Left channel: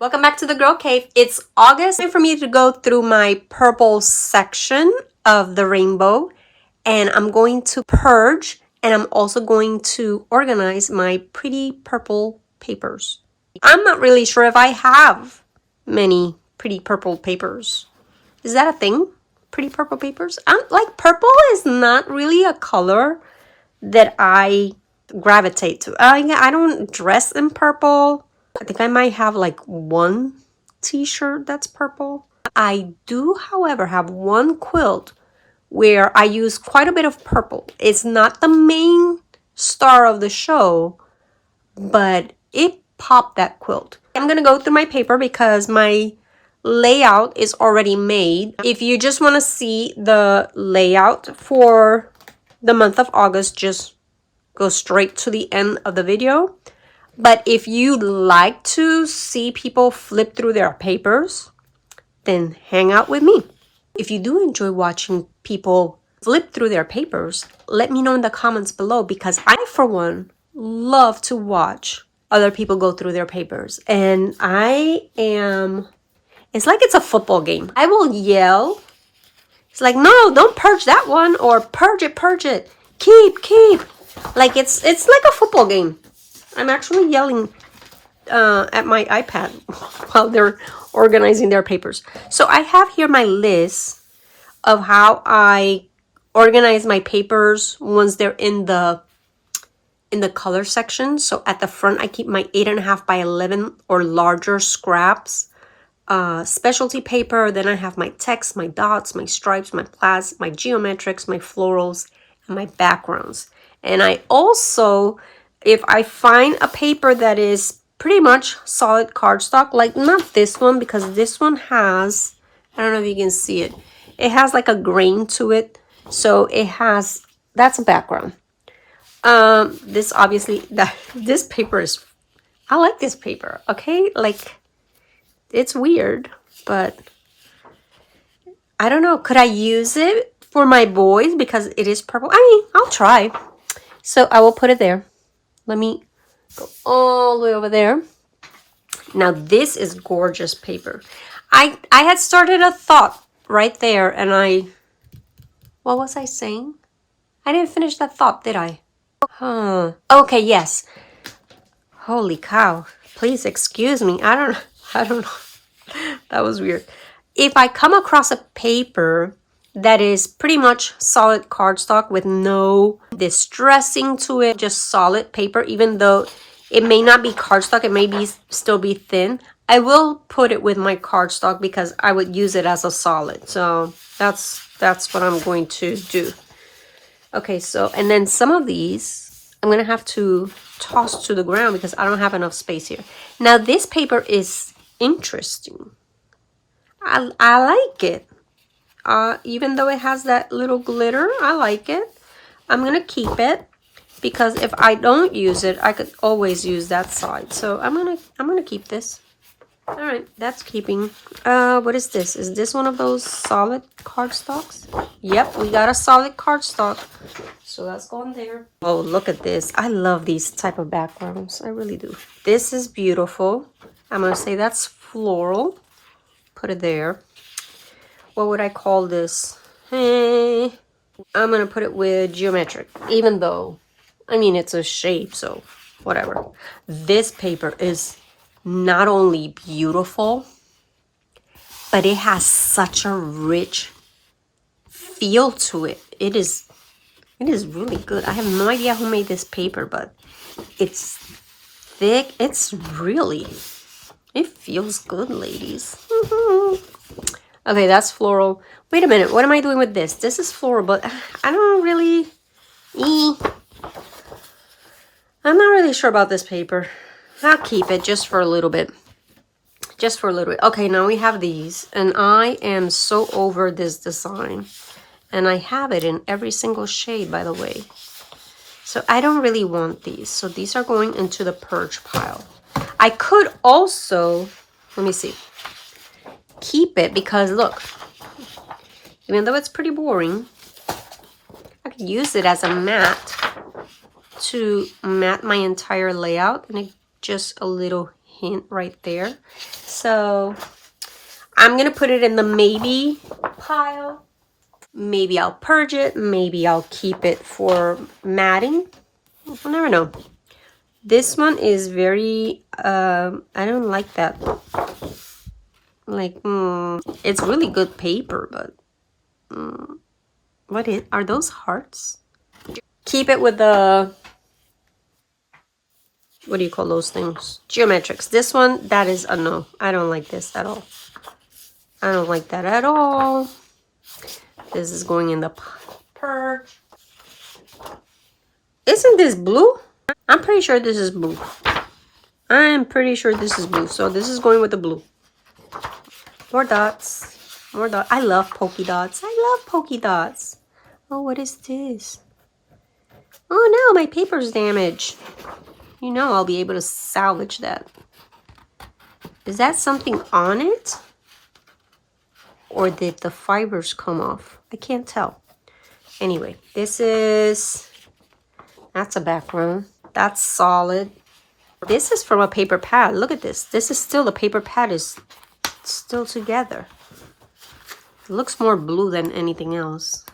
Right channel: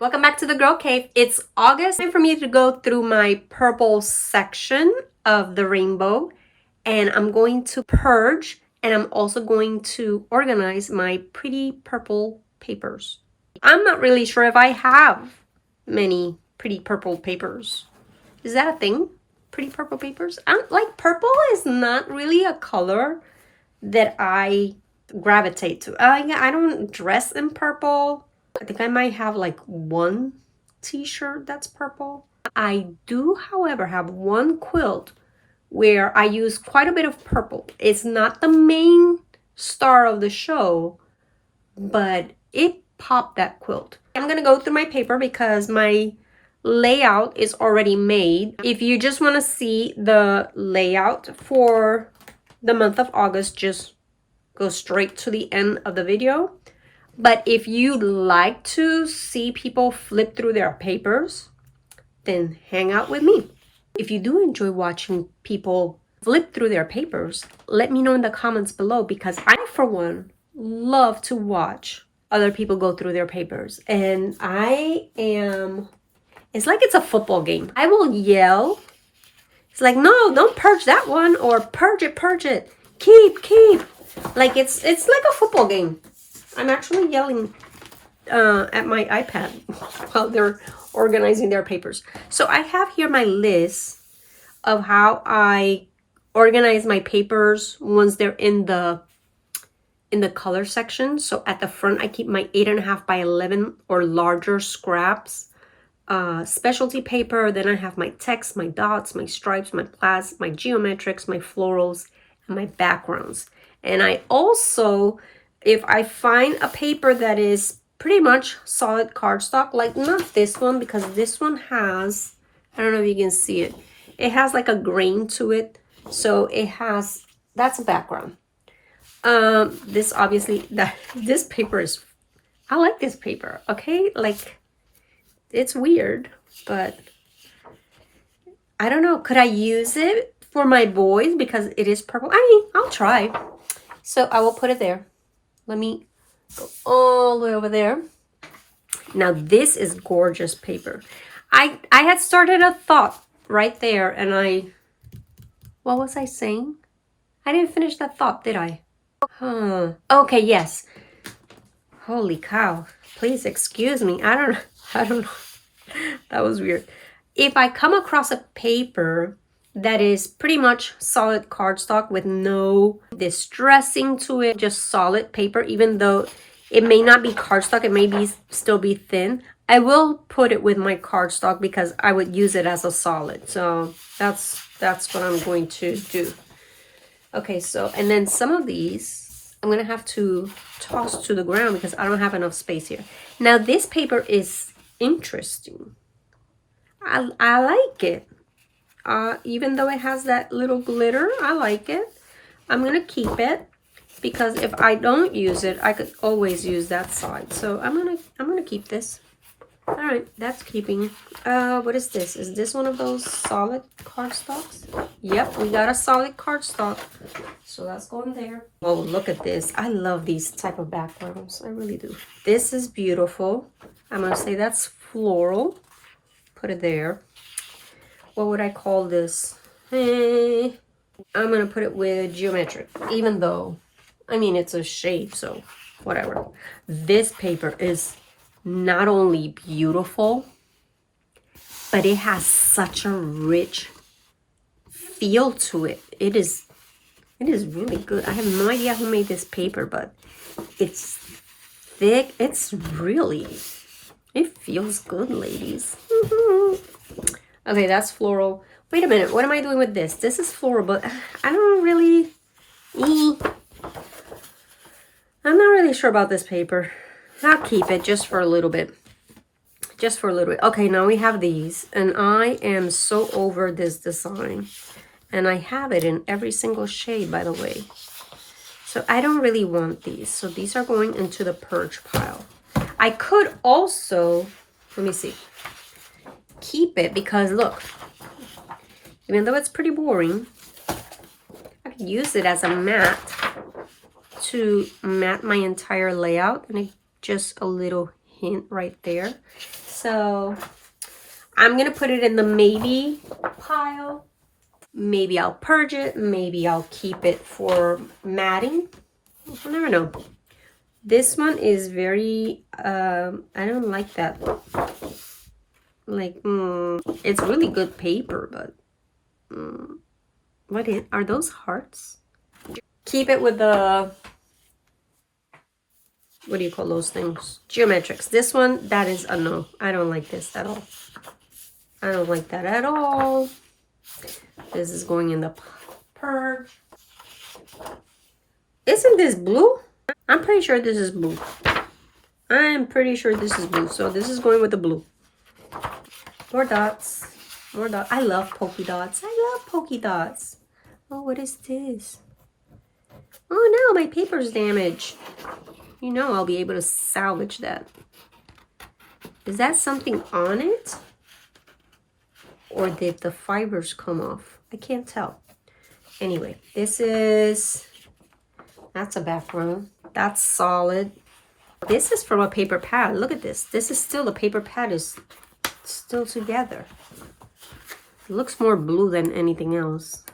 Welcome back to the Girl Cave. It's August. Time for me to go through my purple section of the rainbow, and I'm going to purge, and I'm also going to organize my pretty purple papers. I'm not really sure if I have many pretty purple papers. Is that a thing? Pretty purple papers? Like purple is not really a color that I gravitate to. I don't dress in purple. I think I might have like one t-shirt that's purple. I do, however, have one quilt where I use quite a bit of purple. It's not the main star of the show, but it popped that quilt. I'm gonna go through my paper because my layout is already made. If you just want to see the layout for the month of August, just go straight to the end of the video. But if you like to see people flip through their papers, then hang out with me. If you do enjoy watching people flip through their papers, let me know in the comments below, because I, for one, love to watch other people go through their papers. And it's like it's a football game. I will yell. It's like, no, don't purge that one, or purge it. Keep. Like it's like a football game. I'm actually yelling at my iPad while they're organizing their papers. So I have here my list of how I organize my papers once they're in the color section. So at the front, I keep my 8.5 by 11 or larger scraps, specialty paper. Then I have my text, my dots, my stripes, my plaids, my geometrics, my florals, and my backgrounds. And I also, if I find a paper that is pretty much solid cardstock, like not this one, because this one has, I don't know if you can see it, it has like a grain to it. So it has, that's a background. This obviously, this paper is, I like this paper, okay? Like, it's weird, but I don't know. Could I use it for my boys because it is purple? I mean, I'll try. So I will put it there. Let me go all the way over there. Now this is gorgeous paper. I had started a thought right there, and what was I saying? I didn't finish that thought, did I? Okay, yes. Holy cow. Please excuse me. I don't know. That was weird. If I come across a paper that is pretty much solid cardstock with no distressing to it, just solid paper, even though it may not be cardstock, it may still be thin, I will put it with my cardstock because I would use it as a solid. So that's what I'm going to do. Okay, so, and then some of these I'm gonna have to toss to the ground because I don't have enough space here. Now this paper is interesting. I like it. Even though it has that little glitter, I like it. I'm gonna keep it because if I don't use it, I could always use that side. So I'm gonna keep this. All right, that's keeping. What is this? Is this one of those solid cardstocks? Yep, we got a solid cardstock. So that's going there. Oh, look at this. I love these type of backgrounds. I really do. This is beautiful. I'm gonna say that's floral. Put it there. What would I call this? Hey, I'm gonna put it with geometric, even though, I mean, it's a shape, so whatever. This paper is not only beautiful, but it has such a rich feel to it. It is really good. I have no idea who made this paper, but it's thick. It's really, it feels good, ladies. Okay, that's floral. Wait a minute, what am I doing with this? This is floral, but I don't really, I'm not really sure about this paper. I'll keep it just for a little bit. Just for a little bit. Okay, now we have these, and I am so over this design. And I have it in every single shade, by the way. So I don't really want these. So these are going into the purge pile. I could also, let me see, keep it because look, even though it's pretty boring, I could use it as a mat to mat my entire layout, and it just a little hint right there. So I'm gonna put it in the maybe pile. Maybe I'll purge it. Maybe I'll keep it for matting. I'll never know. This one is very, I don't like that. Like, it's really good paper, but are those hearts? Keep it with the, what do you call those things? Geometrics. This one, that is a no. I don't like this at all. I don't like that at all. This is going in the purge. Isn't this blue? I'm pretty sure this is blue. I'm pretty sure this is blue. So this is going with the blue. More dots. More dots. I love polka dots. I love polka dots. Oh, what is this? Oh no, my paper's damaged. You know I'll be able to salvage that. Is that something on it? Or did the fibers come off? I can't tell. Anyway, this is... That's a background. That's solid. This is from a paper pad. Look at this. This is still, the paper pad is still together. It looks more blue than anything else.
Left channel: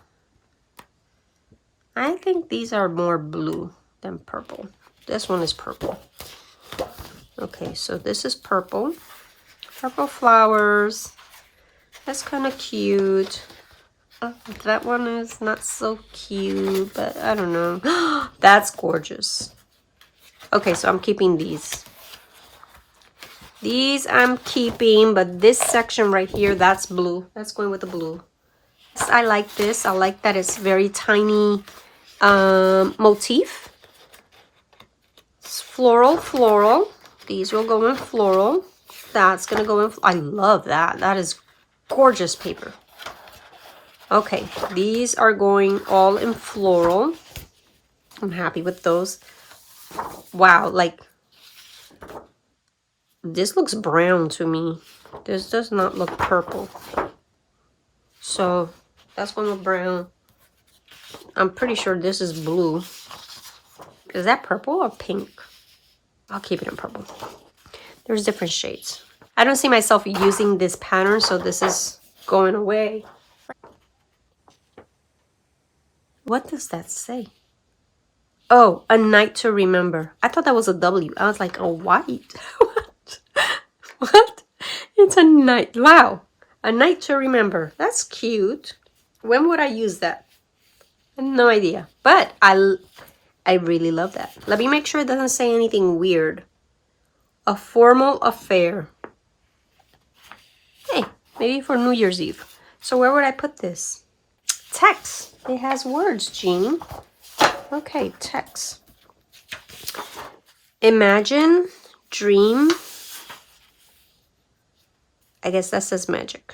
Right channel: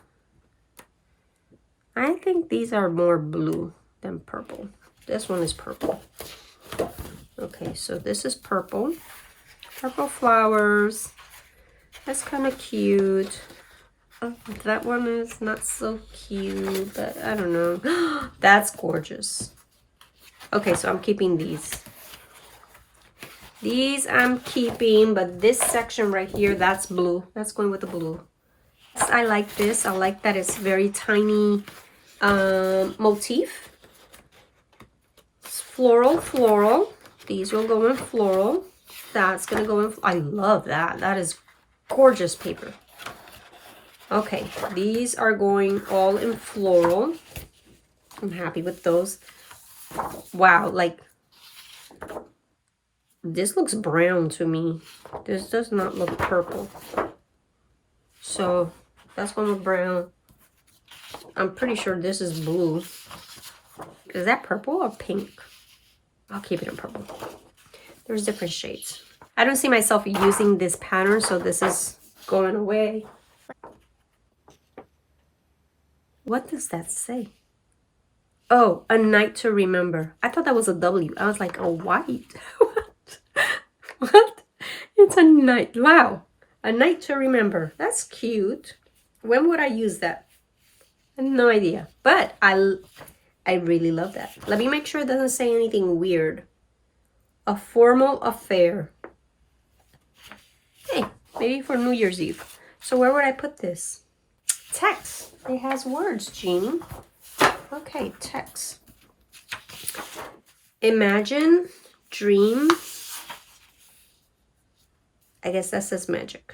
I think these are more blue than purple. This one is purple. Okay, so this is purple. Purple flowers. That's kind of cute. Oh, that one is not so cute, but I don't know. That's gorgeous. Okay, so I'm keeping these. These I'm keeping, but this section right here, that's blue. That's going with the blue. I like this. I like that it's very tiny motif. It's floral, floral. These will go in floral. That's going to go in. I love that. That is gorgeous paper. Okay, these are going all in floral. I'm happy with those. Wow, like, this looks brown to me. This does not look purple. So, that's going with brown. I'm pretty sure this is blue. Is that purple or pink? I'll keep it in purple. There's different shades. I don't see myself using this pattern, so this is going away. What does that say? Oh, a night to remember. I thought that was a W. I was like, a white. What? What? It's a night. Wow. A night to remember. That's cute. When would I use that? I have no idea. But I really love that. Let me make sure it doesn't say anything weird. A formal affair. Hey, maybe for New Year's Eve. So where would I put this? Text. It has words, Jeannie. Okay, text. Imagine, dream. I guess that says magic.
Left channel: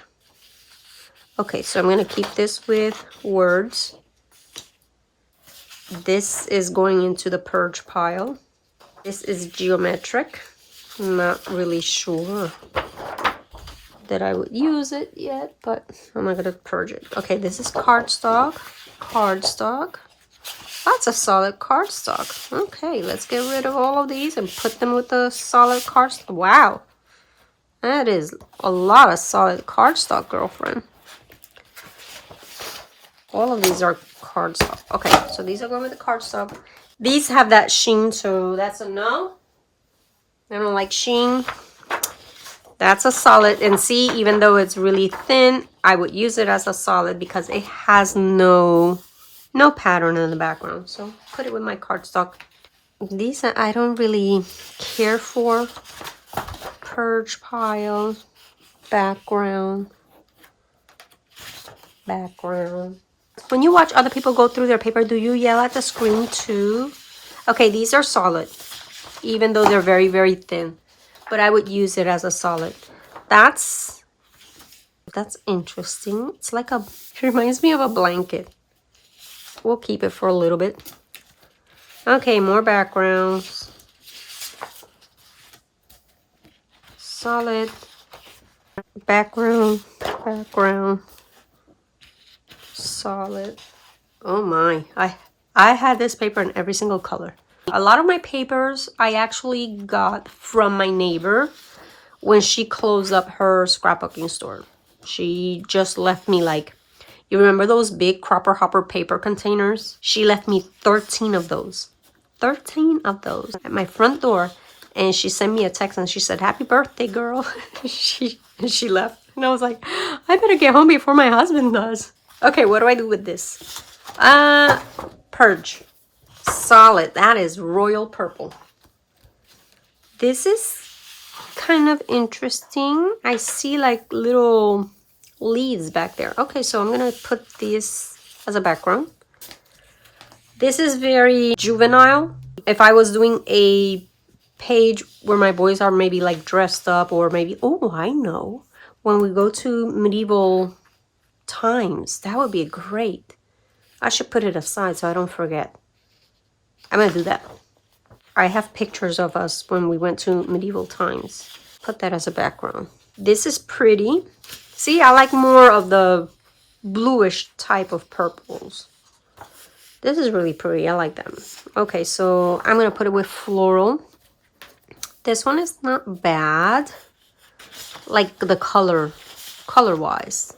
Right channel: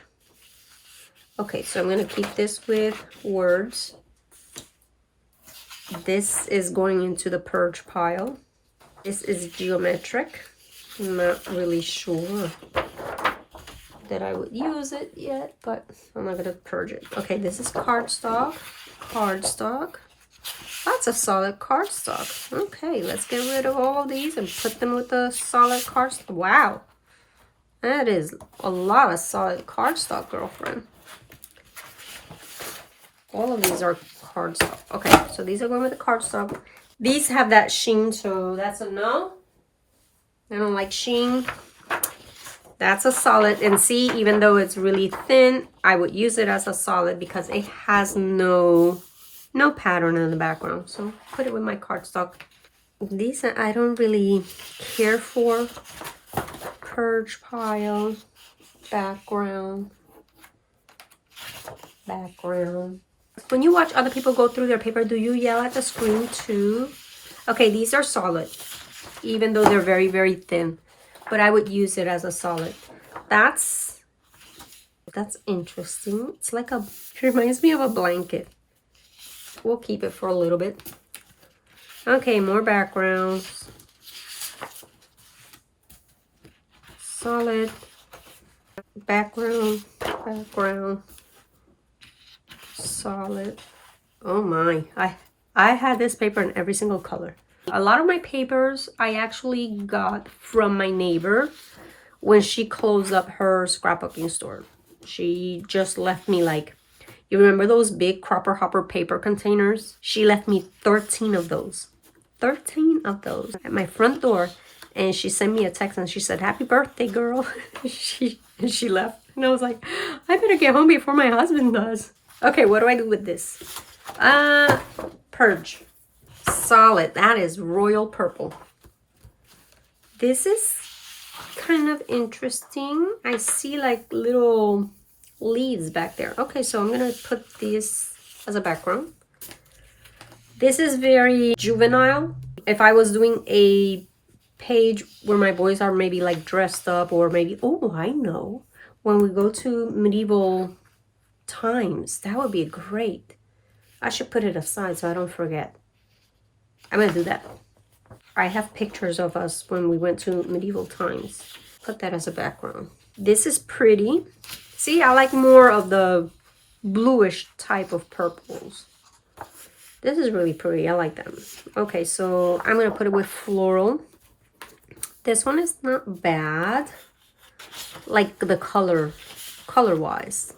Okay, so I'm going to keep this with words. This is going into the purge pile. This is geometric. I'm not really sure that I would use it yet, but I'm not going to purge it. Okay, this is cardstock. Cardstock. That's a solid cardstock. Okay, let's get rid of all of these and put them with the solid cardstock. Wow. That is a lot of solid cardstock, girlfriend. All of these are cardstock. Okay, so these are going with the cardstock. These have that sheen, so that's a no. I don't like sheen. That's a solid. And see, even though it's really thin, I would use it as a solid because it has no pattern in the background. So put it with my cardstock. These I don't really care for. Purge pile, background. When you watch other people go through their paper, do you yell at the screen too? Okay, these are solid, even though they're very, very thin. But I would use it as a solid. That's interesting. It's like it reminds me of a blanket. We'll keep it for a little bit. Okay, more backgrounds. Solid. Background. Solid. Oh my. I had this paper in every single color. A lot of my papers I actually got from my neighbor when she closed up her scrapbooking store. She just left me like, you remember those big Cropper Hopper paper containers? She left me 13 of those. 13 of those at my front door. And she sent me a text and she said, "Happy birthday, girl." she left. And I was like, I better get home before my husband does. Okay, what do I do with this? Purge. Solid. That is royal purple. This is kind of interesting. I see like little leaves back there. Okay, so I'm gonna put this as a background. This is very juvenile. If I was doing a page where my boys are maybe like dressed up, or maybe, oh, I know, when we go to medieval times, that would be great. I should put it aside so I don't forget. I'm gonna do that. I have pictures of us when we went to medieval times. Put that as a background. This is pretty. See, I like more of the bluish type of purples. This is really pretty. I like them. Okay, so I'm gonna put it with floral. This one is not bad, like the color-wise.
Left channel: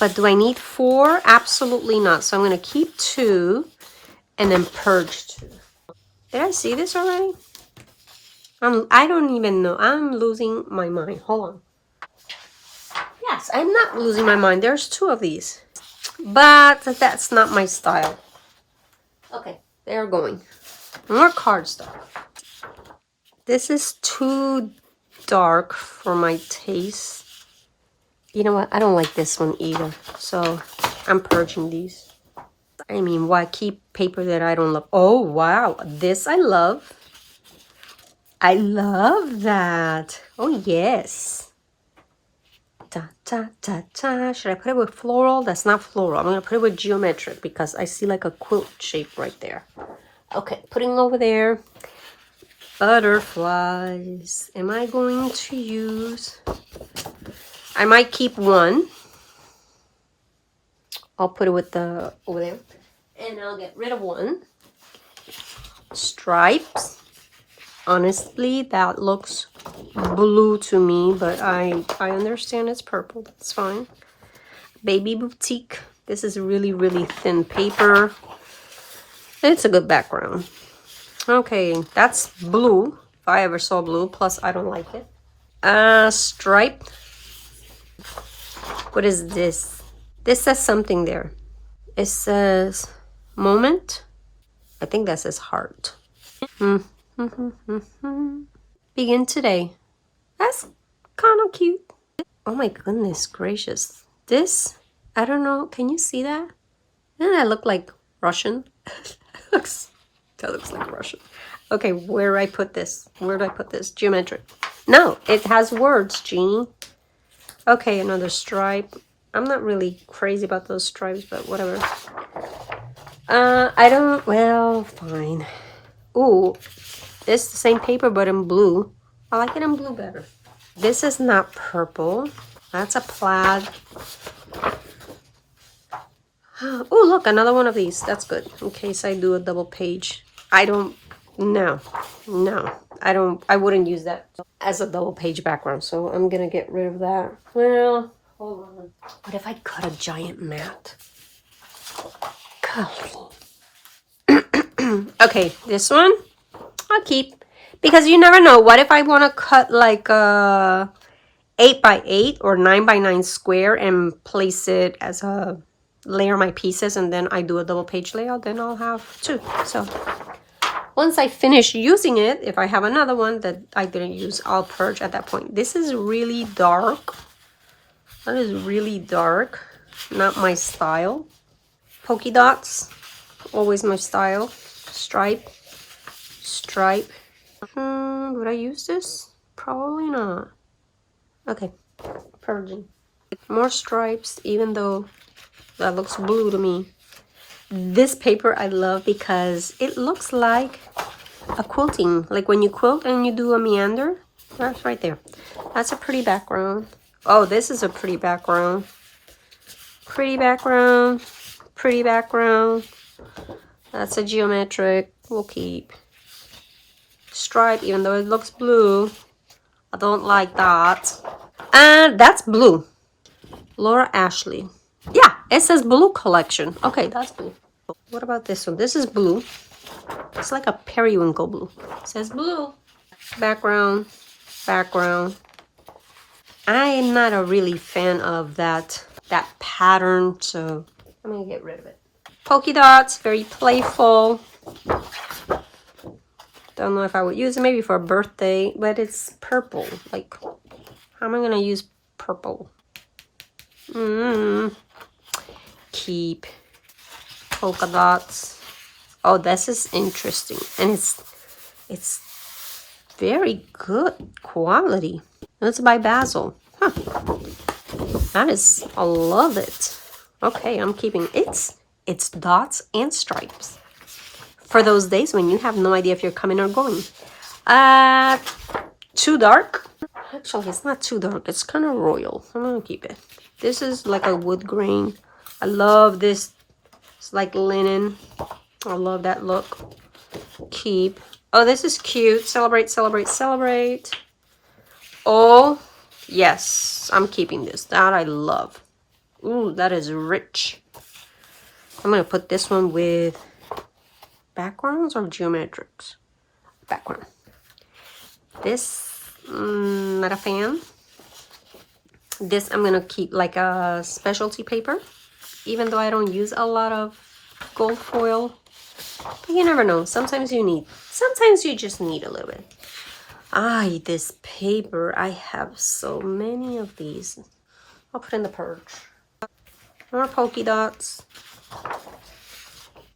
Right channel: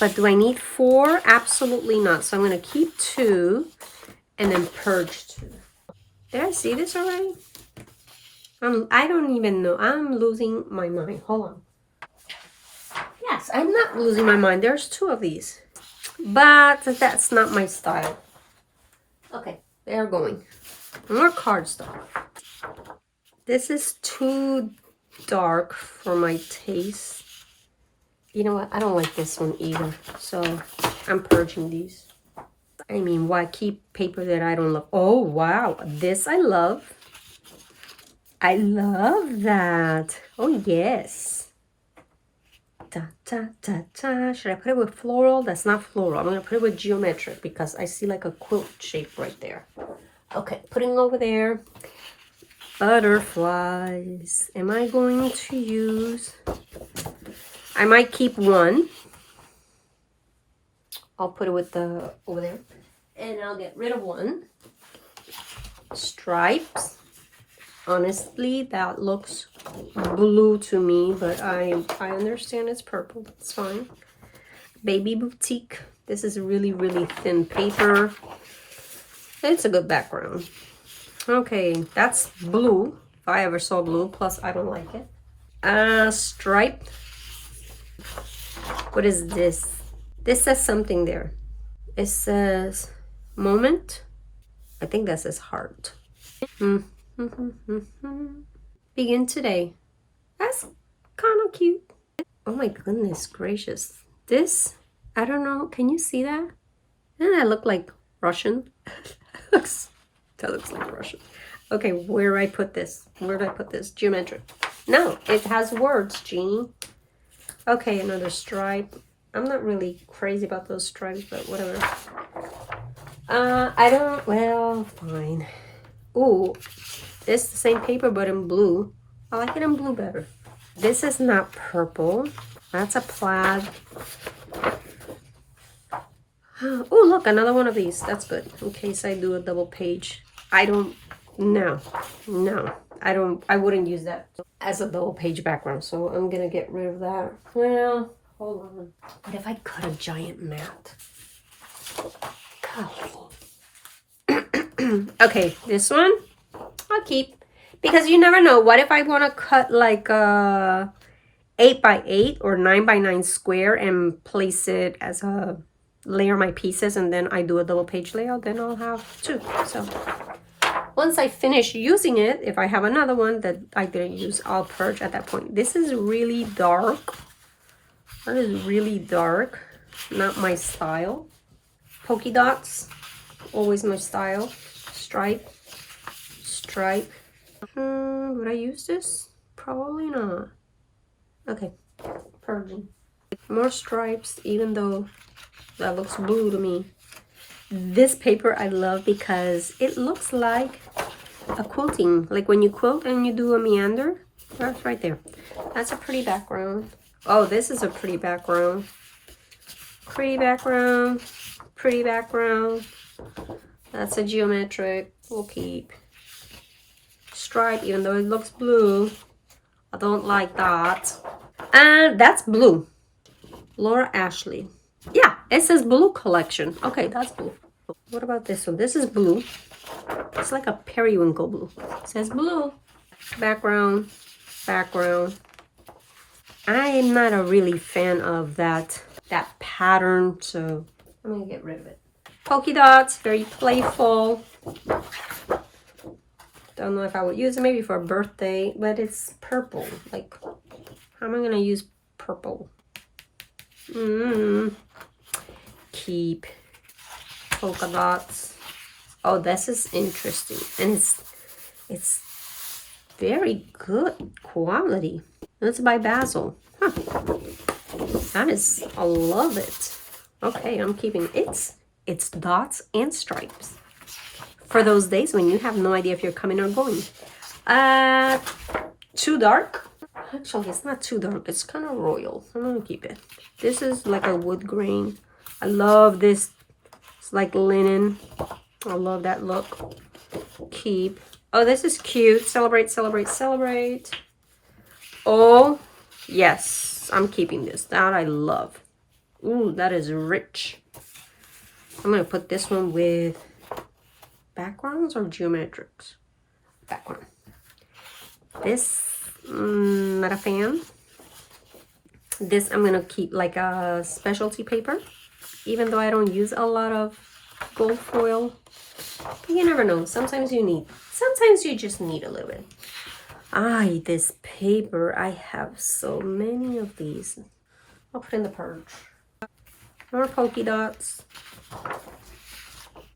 But do I need 4? Absolutely not. So I'm gonna keep 2 and then purge 2. Did I see this already? I don't even know. I'm losing my mind. Hold on. Yes, I'm not losing my mind. There's 2 of these. But that's not my style. Okay, they're going. More cardstock. This is too dark for my taste. You know what? I don't like this one either. So I'm purging these. I mean, why keep paper that I don't love? Oh, wow. This I love. I love that. Oh, yes. Da, da, da, da. Should I put it with floral? That's not floral. I'm going to put it with geometric because I see like a quilt shape right there. Okay, putting over there. Butterflies. Am I going to use... I might keep 1. I'll put it with the over there. And I'll get rid of 1. Stripes. Honestly, that looks blue to me, but I understand it's purple. That's fine. Baby Boutique. This is really, really thin paper. It's a good background. Okay, that's blue. If I ever saw blue, plus I don't like it. Stripe. What is this? This says something there. It says moment. I think that says heart. Begin today. That's kind of cute. Oh my goodness gracious. This, I don't know. Can you see that? Doesn't that look like Russian? That looks like Russian. Okay, where do I put this? Where do I put this? Geometric. No, it has words, Jeannie. Okay, another stripe. I'm not really crazy about those stripes, but whatever. I don't, well, fine. Ooh, this is the same paper, but in blue. I like it in blue better. This is not purple. That's a plaid. Oh, look, another one of these. That's good. In case I do a double page. I wouldn't use that as a double page background. So I'm going to get rid of that. Well, hold on. What if I cut a giant mat? Okay, this one I'll keep. Because you never know. What if I want to cut like a 8x8 or 9x9 square and place it as a layer my pieces, and then I do a double page layout, then I'll have 2. So once I finish using it, if I have another one that I didn't use, I'll purge at that point. This is really dark. That is really dark. Not my style. Polka dots. Always my style. Stripe. Stripe. Would I use this? Probably not. Okay. Purging. More stripes, even though that looks blue to me. This paper I love because it looks like a quilting. Like when you quilt and you do a meander. That's right there. That's a pretty background. Oh, this is a pretty background. Pretty background. Pretty background. That's a geometric. We'll keep. stripe, even though it looks blue. I don't like that. And that's blue. Laura Ashley. Yeah, it says blue collection. Okay, that's blue. What about this one? This is blue. It's like a periwinkle blue. It says blue. Background. Background. I am not a really fan of that pattern, so I'm gonna get rid of it. Polka dots, very playful. Don't know if I would use it maybe for a birthday, but it's purple. Like, how am I gonna use purple? Keep polka dots. Oh, this is interesting, and it's very good quality. It's by Basil. Huh. That is, I love it. Okay, I'm keeping it. It's dots and stripes for those days when you have no idea if you're coming or going. Too dark. Actually, it's not too dark. It's kind of royal. I'm gonna keep it. This is like a wood grain. I love this. It's like linen. I love that look. Keep. Oh, this is cute. Celebrate, celebrate, celebrate. Oh, yes. I'm keeping this. That I love. Ooh, that is rich. I'm going to put this one with backgrounds or geometrics. Background. This, not a fan. This I'm going to keep like a specialty paper. Even though I don't use a lot of gold foil. But you never know. Sometimes you just need a little bit. This paper. I have so many of these. I'll put in the purge. More polka dots.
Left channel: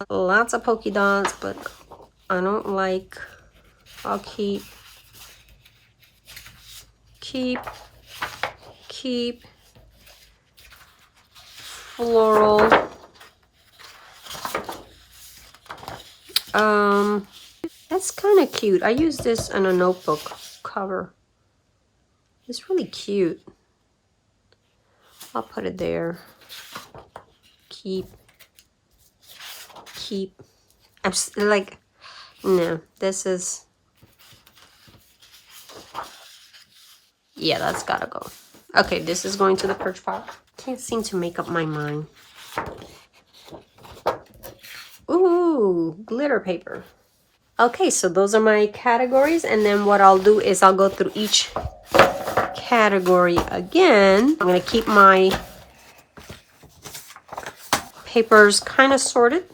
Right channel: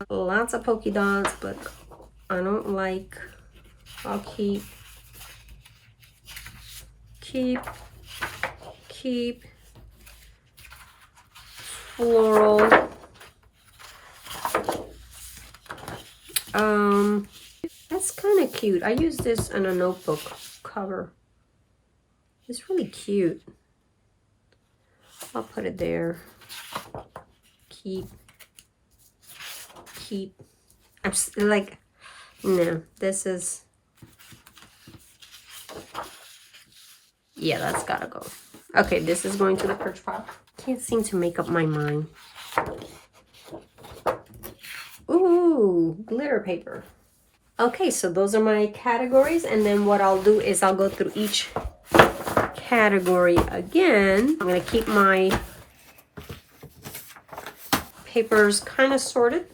Lots of polka dots, but I don't like. I'll keep floral. That's kind of cute. I use this in a notebook cover. It's really cute. I'll put it there. Keep. I'm like, no, this is, yeah, that's gotta go. Okay, this is going to the purge pile. Can't seem to make up my mind. Ooh, glitter paper. Okay, so those are my categories, and then what I'll do is I'll go through each category again. I'm gonna keep my papers kind of sorted,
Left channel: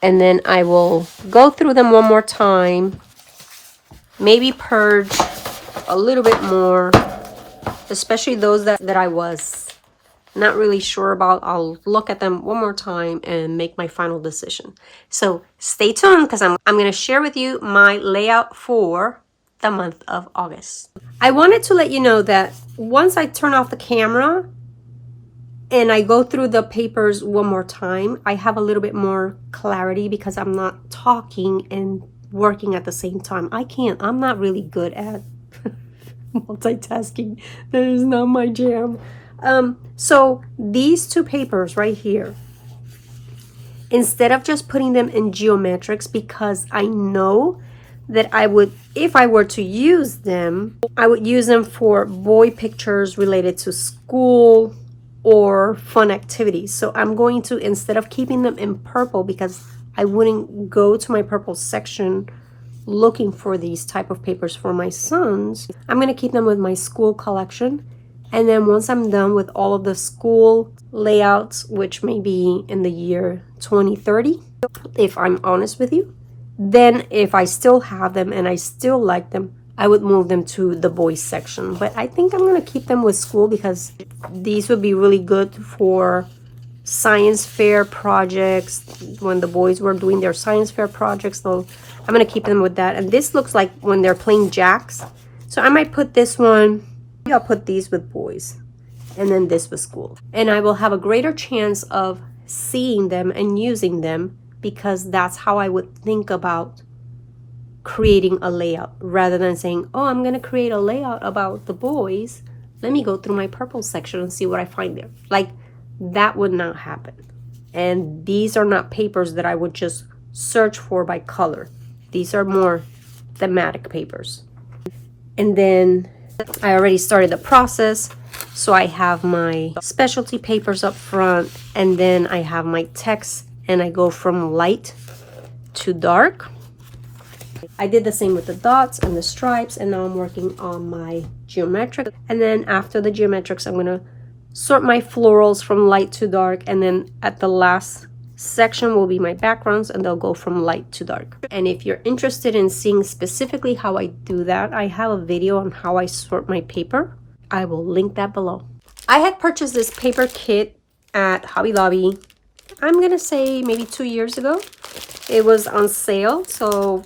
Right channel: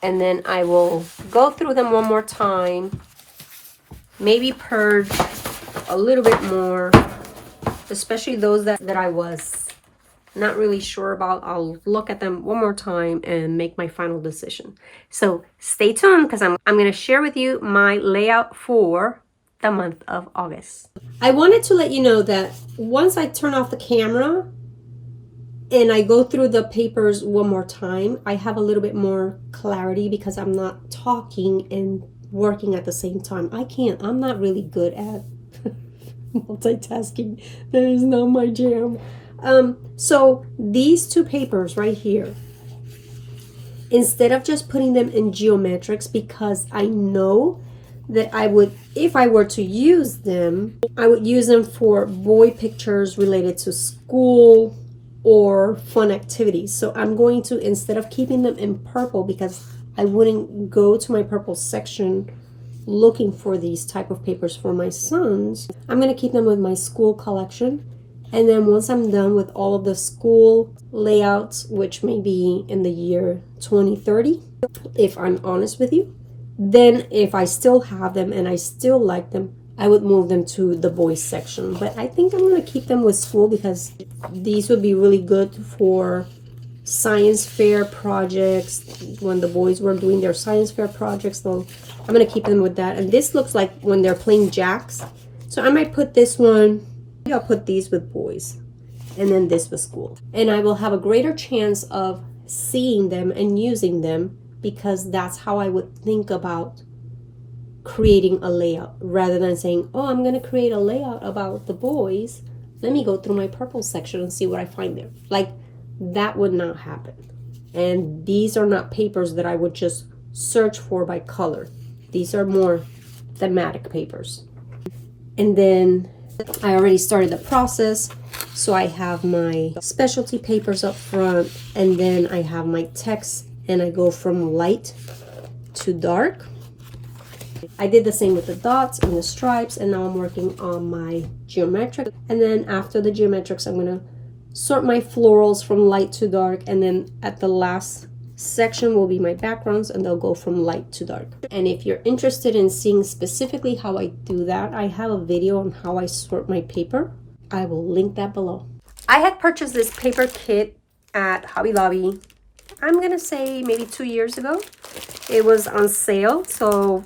and then I will go through them one more time, maybe purge a little bit more, especially those that I was not really sure about. I'll look at them one more time and make my final decision. So stay tuned, because I'm going to share with you my layout for the month of August. I wanted to let you know that once I turn off the camera and I go through the papers one more time, I have a little bit more clarity because I'm not talking and working at the same time. I'm not really good at multitasking. That is not my jam. So these two papers right here, instead of just putting them in geometrics, because I know that I would, if I were to use them, I would use them for boy pictures related to school or fun activities. So I'm going to, instead of keeping them in purple, because I wouldn't go to my purple section looking for these type of papers for my sons, I'm going to keep them with my school collection. And then once I'm done with all of the school layouts, which may be in the year 2030, if I'm honest with you, then if I still have them and I still like them, I would move them to the boys section. But I think I'm going to keep them with school, because these would be really good for science fair projects. When the boys were doing their science fair projects, so I'm going to keep them with that. And this looks like when they're playing jacks. So I might put this one. I'll put these with boys, and then this with school. And I will have a greater chance of seeing them and using them, because that's how I would think about creating a layout, rather than saying, oh, I'm going to create a layout about the boys. Let me go through my purple section and see what I find there. Like, that would not happen. And these are not papers that I would just search for by color. These are more thematic papers. And then I already started the process. So I have my specialty papers up front, and then I have my text, and I go from light to dark. I did the same with the dots and the stripes, and now I'm working on my geometric. And then after the geometrics, I'm gonna sort my florals from light to dark, and then at the last section will be my backgrounds, and they'll go from light to dark. And if you're interested in seeing specifically how I do that, I have a video on how I sort my paper. I will link that below. I had purchased this paper kit at Hobby Lobby, I'm gonna say maybe 2 years ago. It was on sale, so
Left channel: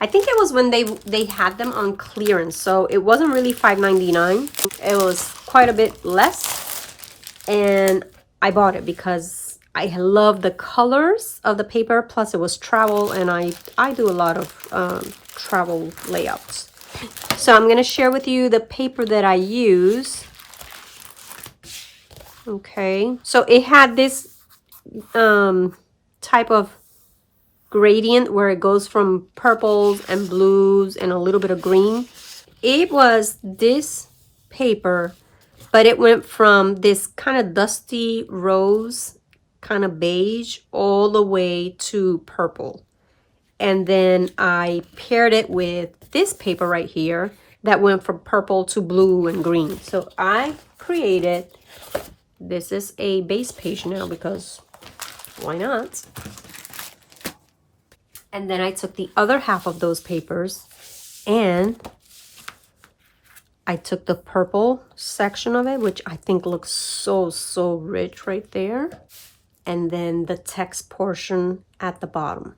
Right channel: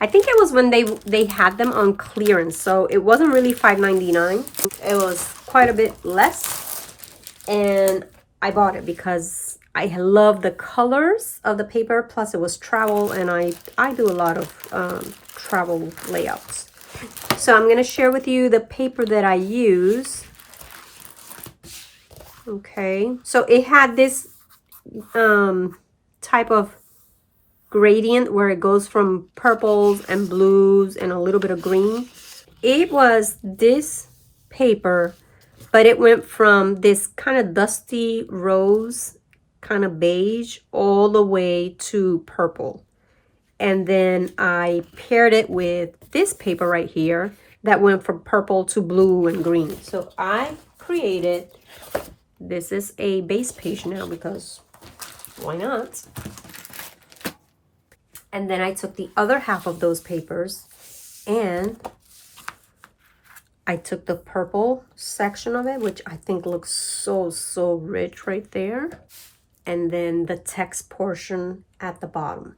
I think it was when they had them on clearance, so it wasn't really $5.99. It was quite a bit less, and I bought it because I love the colors of the paper, plus it was travel, and I do a lot of travel layouts. So I'm going to share with you the paper that I use. Okay, so it had this type of gradient where it goes from purples and blues and a little bit of green. It was this paper, but it went from this kind of dusty rose, kind of beige, all the way to purple. And then I paired it with this paper right here that went from purple to blue and green. So I created, this is a base page now because why not? And then I took the other half of those papers and I took the purple section of it, which I think looks so rich right there. And then the text portion at the bottom.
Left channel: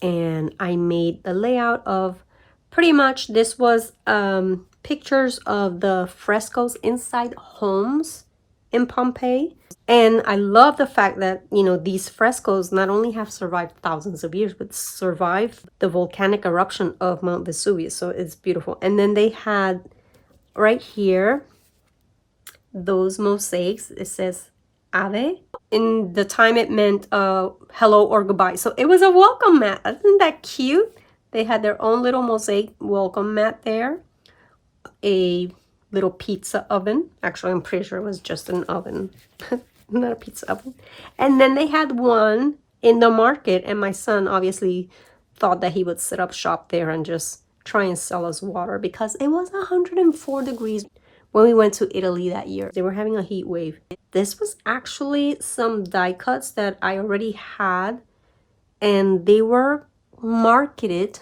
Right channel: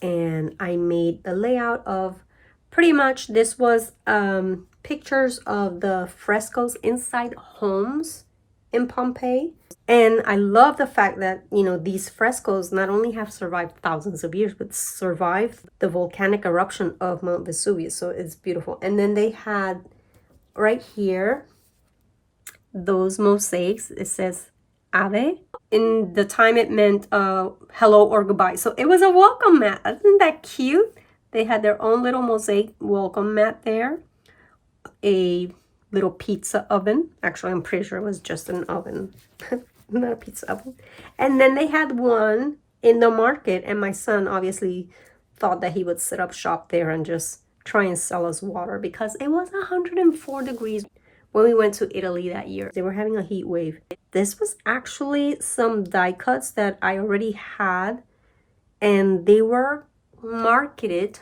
And I made the layout of pretty much, this was pictures of the frescoes inside homes in Pompeii. And I love the fact that, you know, these frescoes not only have survived thousands of years, but survived the volcanic eruption of Mount Vesuvius. So it's beautiful. And then they had right here, those mosaics, it says Ave. In the time it meant hello or goodbye. So it was a welcome mat. Isn't that cute? They had their own little mosaic welcome mat there. A little pizza oven. Actually, I'm pretty sure it was just an oven. Not a pizza oven. And then they had one in the market, and my son obviously thought that he would set up shop there and just try and sell us water because it was 104 degrees when we went to Italy that year. They were having a heat wave. This was actually some die cuts that I already had, and they were marketed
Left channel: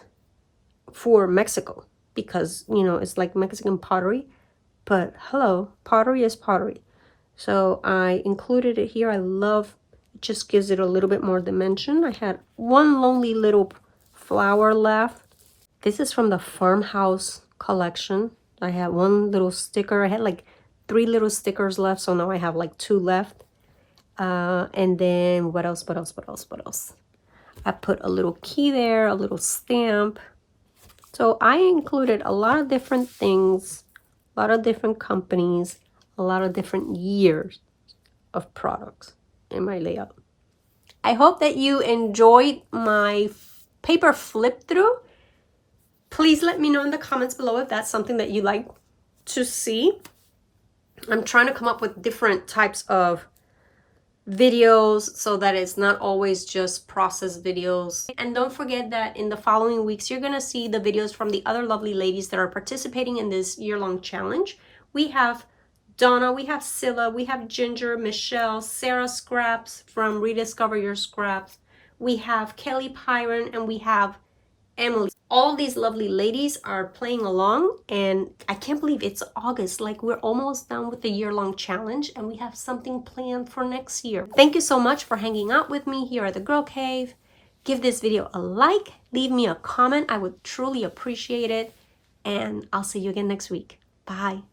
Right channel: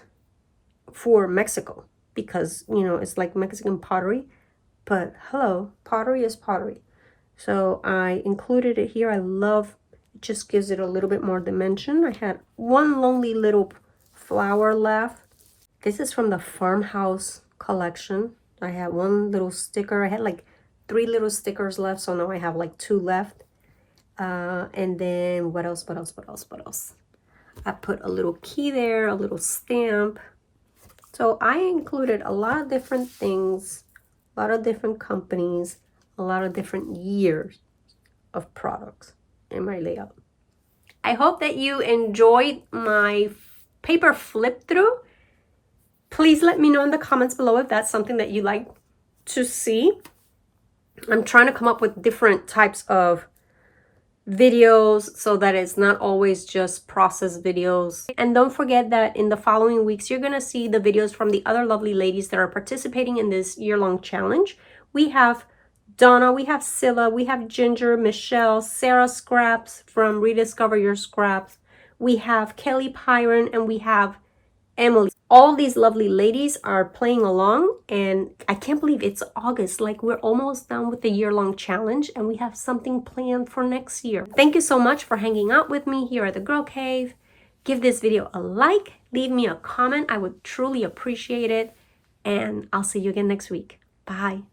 for Mexico because, you know, it's like Mexican pottery. But hello, pottery is pottery. So I included it here. I love, it just gives it a little bit more dimension. I had one lonely little flower left. This is from the farmhouse collection. I had one little sticker. I had like 3 little stickers left, so now I have like 2 left. And then what else? I put a little key there, a little stamp. So I included a lot of different things, a lot of different companies, a lot of different years of products in my layout. I hope that you enjoyed my paper flip through. Please let me know in the comments below if that's something that you like to see. I'm trying to come up with different types of videos so that it's not always just process videos. And don't forget that in the following weeks, you're going to see the videos from the other lovely ladies that are participating in this year-long challenge. We have Donna, we have Scylla, we have Ginger, Michelle, Sarah Scraps from Rediscover Your Scraps. We have Kelly Pyron, and we have Emily. All these lovely ladies are playing along, and I can't believe it's August. Like, we're almost done with the year-long challenge, and we have something planned for next year. Thank you so much for hanging out with me here at the Girl Cave. Give this video a like, leave me a comment. I would truly appreciate it, and I'll see you again next week. Bye.